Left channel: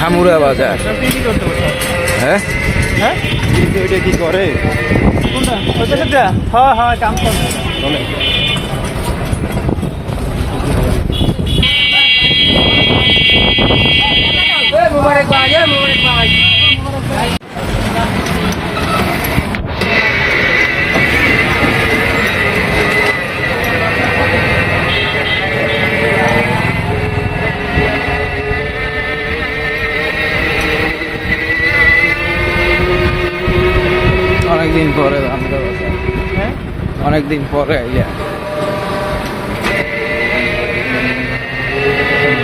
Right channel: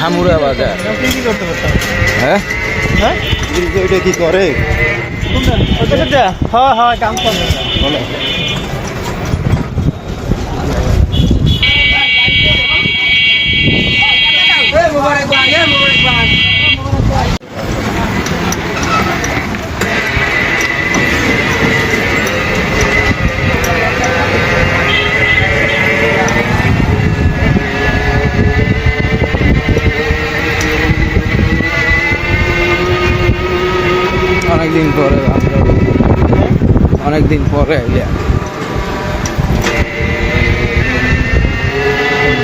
ধামুরা বাজার। হ্যাঁ এটা কি করে? অনেকদিন পরে আমরা অনেকদিন পরে আইলে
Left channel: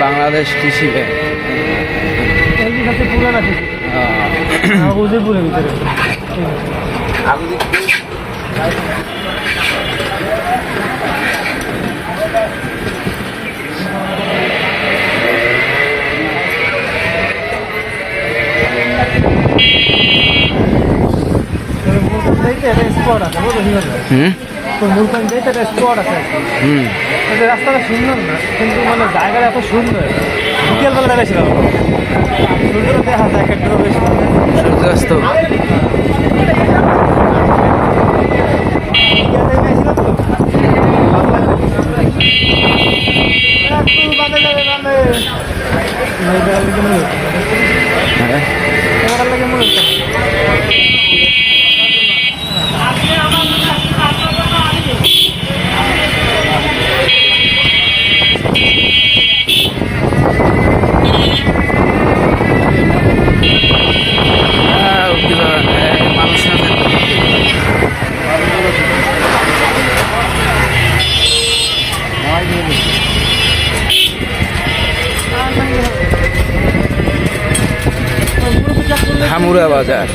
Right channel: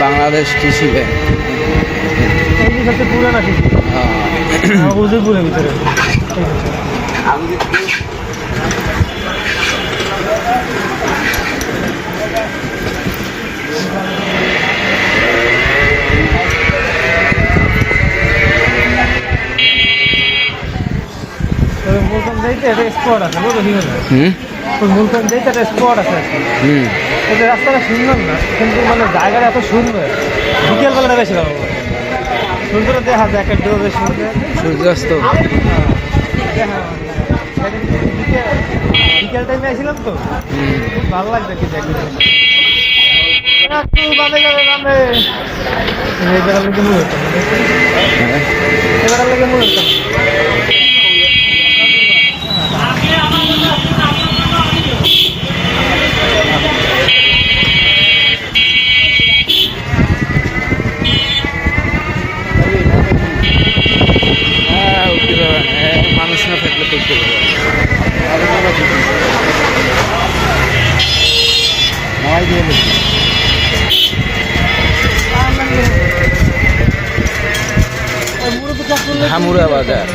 বাংলাদেশ কৃষি ব্যাংক স্পট আছে স্পট আছে রাস্তাটা সুন্দর না, কিন্তু মানে জায়গাটা এত সুন্দর, বিকেলবেলাটা বেশি ভালো সুন্দর দেখা যায়, একটা বেশ সূর্যাস্ত। বিকেল টাইম আসছিল তো ভালো লাগছে। একটু বাদে যাবে মানে এবার লেগে মনে হচ্ছে, এবার লেগে মনে হচ্ছে মানুষ না থাকলে করতে ধামুরা বাজার।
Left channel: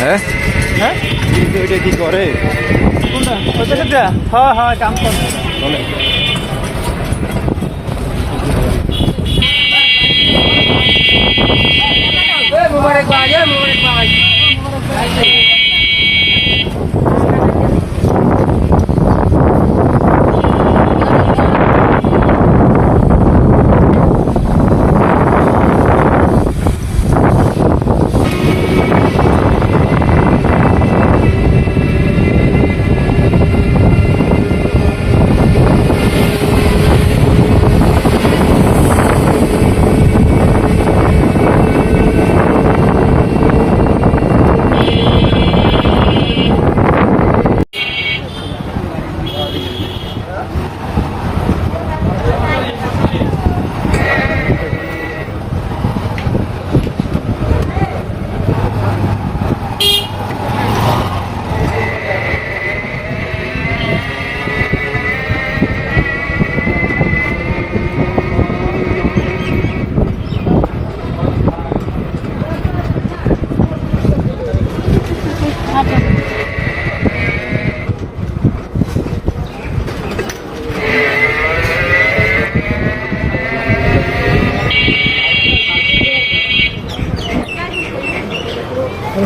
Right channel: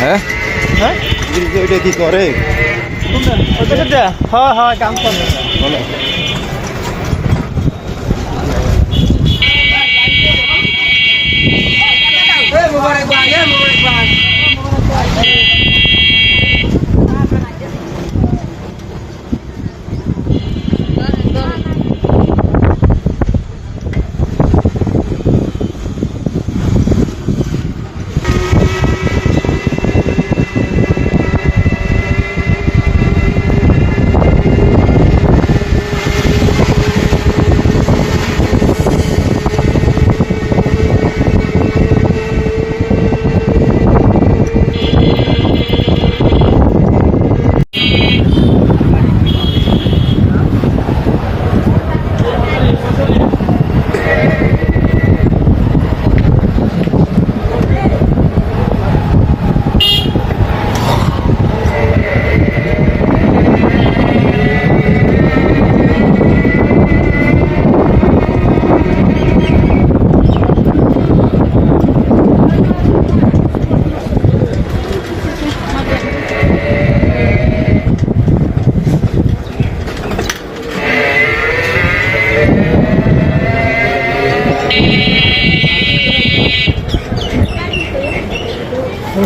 হ্যাঁ এটা কি করে?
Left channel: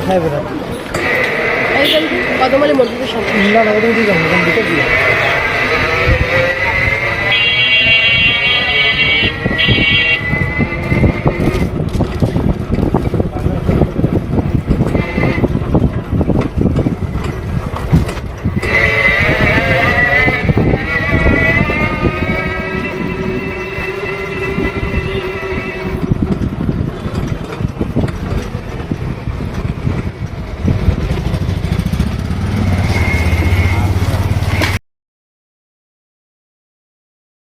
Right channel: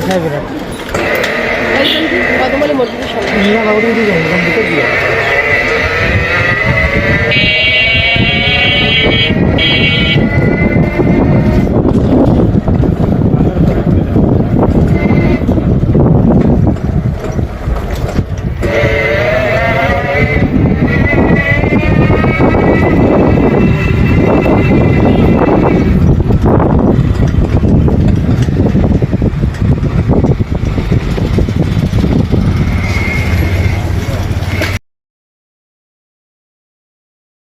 খাইবে না, ওটা দিয়ে